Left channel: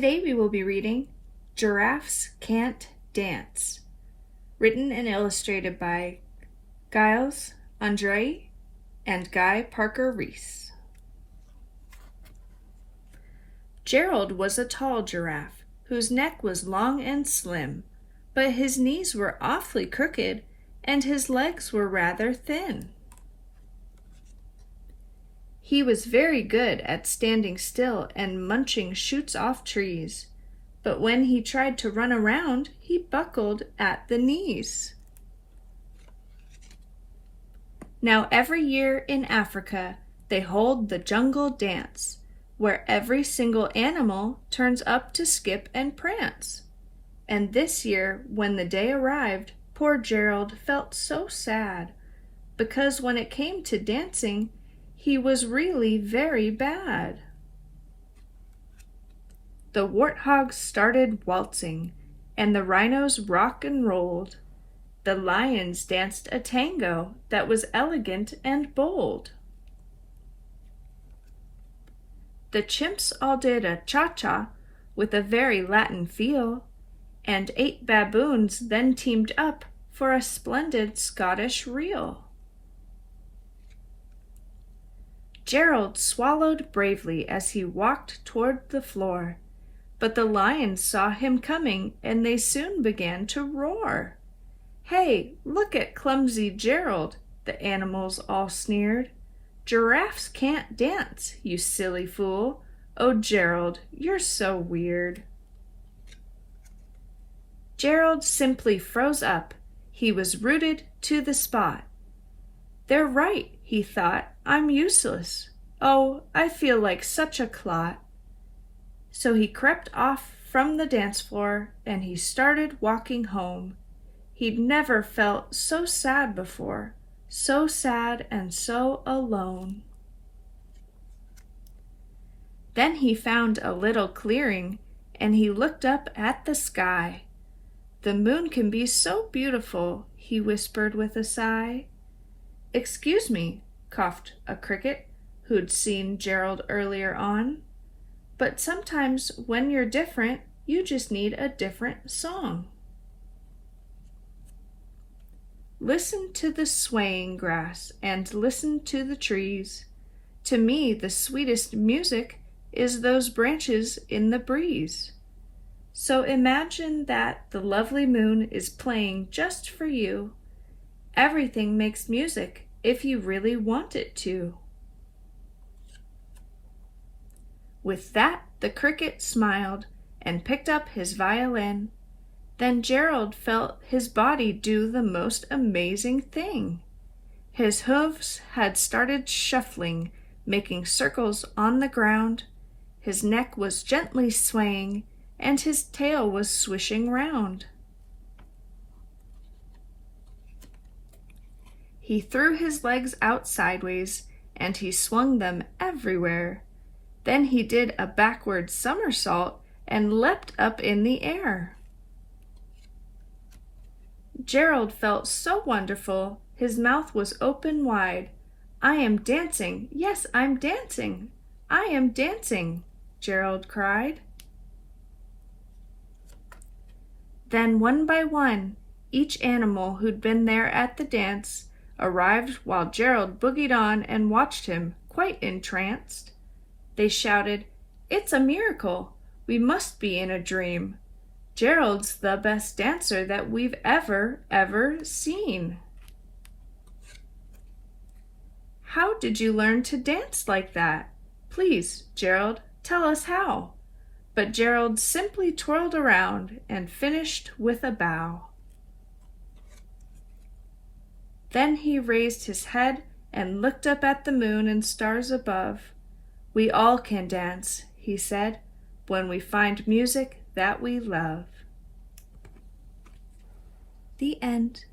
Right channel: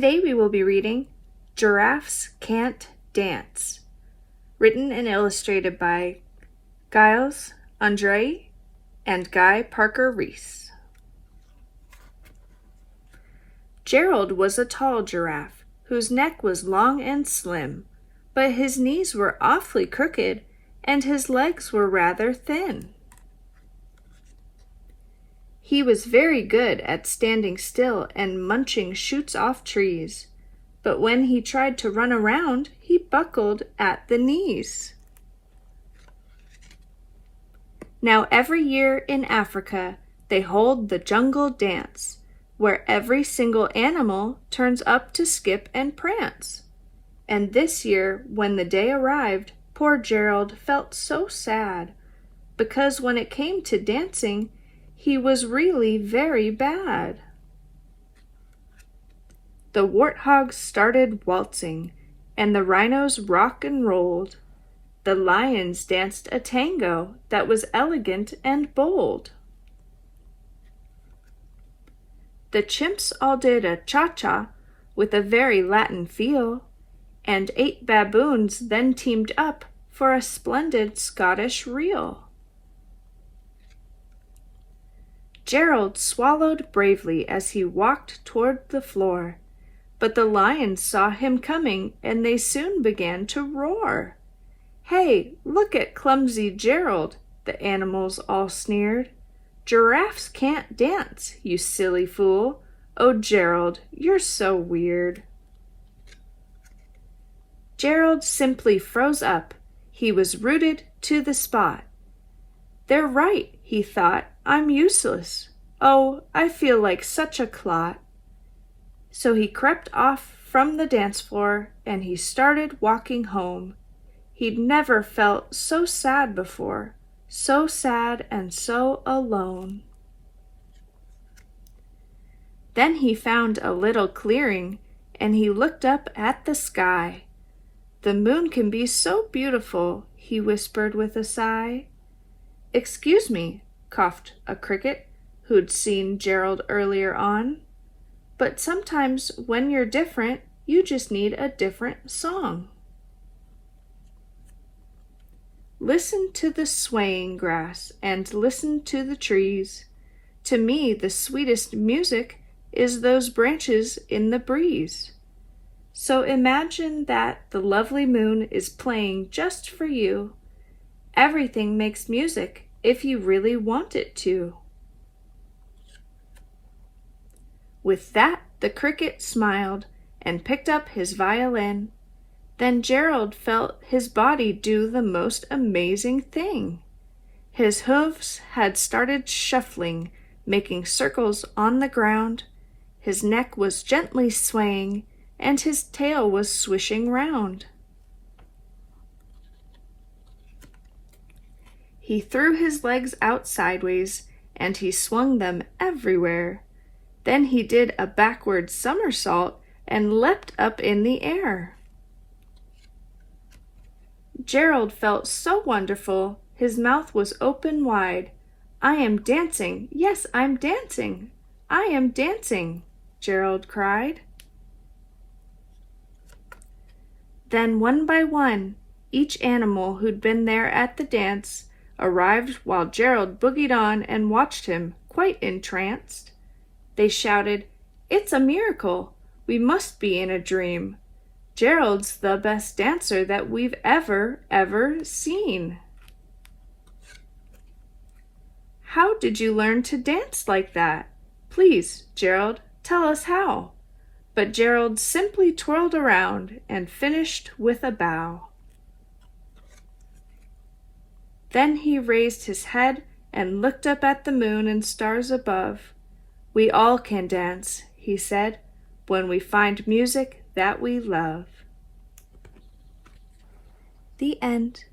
Today we will be reading Giraffes Can't Dance, written and illustrated by Giles, Andreae, and Guy Parker-Rees. Gerald was a tall giraffe whose neck was long and slim, but his knees were awfully crooked and his legs were rather thin. He was very good at standing still and munching shoots off trees, but when he tried to run around, he buckled at the knees. Now every year in Africa, they hold the jungle dance, where every single animal turns up to skip and prance. And this year, when the day arrived, poor Gerald felt so sad, because when it came to dancing, he was really very bad. The warthogs started waltzing, and the rhinos rock and rolled. The lions danced a tango that was elegant and bold. The chimps all did a cha-cha with a very Latin feel, and 8 baboons then teamed up for a splendid Scottish reel. Gerald swallowed bravely as he walked toward the floor, but the lions saw him coming and they soon began to roar. "Hey, look at clumsy Gerald," the animals all sneered. "Giraffes can't dance, you silly fool. Oh, Gerald, you're so weird." Gerald simply froze up. He was rooted to the spot. "They're right," he thought. "I'm useless. Oh, I feel like such a clot." So he crept off from the dance floor and he started walking home. He'd never felt so sad before, so sad and so alone. Then he found a little clearing and he looked up at the sky. "The moon can be so beautiful," he whispered with a sigh. "Excuse me," coughed a cricket who'd seen Gerald earlier on, "but sometimes when you're different, you just need a different song." Listen to the swaying grass and listen to the trees. To me, the sweetest music is those branches in the breeze. So imagine that the lovely moon is playing just for you. Everything makes music if you really want it to. With that, the cricket smiled and picked up his violin. Then Gerald felt his body do the most amazing thing. His hooves had started shuffling, making circles on the ground. His neck was gently swaying, and his tail was swishing round. He threw his legs out sideways, and he swung them everywhere. Then he did a backward somersault and leapt up in the air. Gerald felt so wonderful, his mouth was open wide. "I am dancing, yes, I'm dancing. I am dancing," Gerald cried. Then one by one, each animal who'd been there at the dance arrived while Gerald boogied on and watched him, quite entranced. They shouted, "It's a miracle! We must be in a dream. Gerald's the best dancer that we've ever seen." "How did you learn to dance like that? Please, Gerald, tell us how." But Gerald simply twirled around and finished with a bow. Then he raised his head and looked up at the moon and stars above. "We all can dance," he said, "when we find music that we love." The end.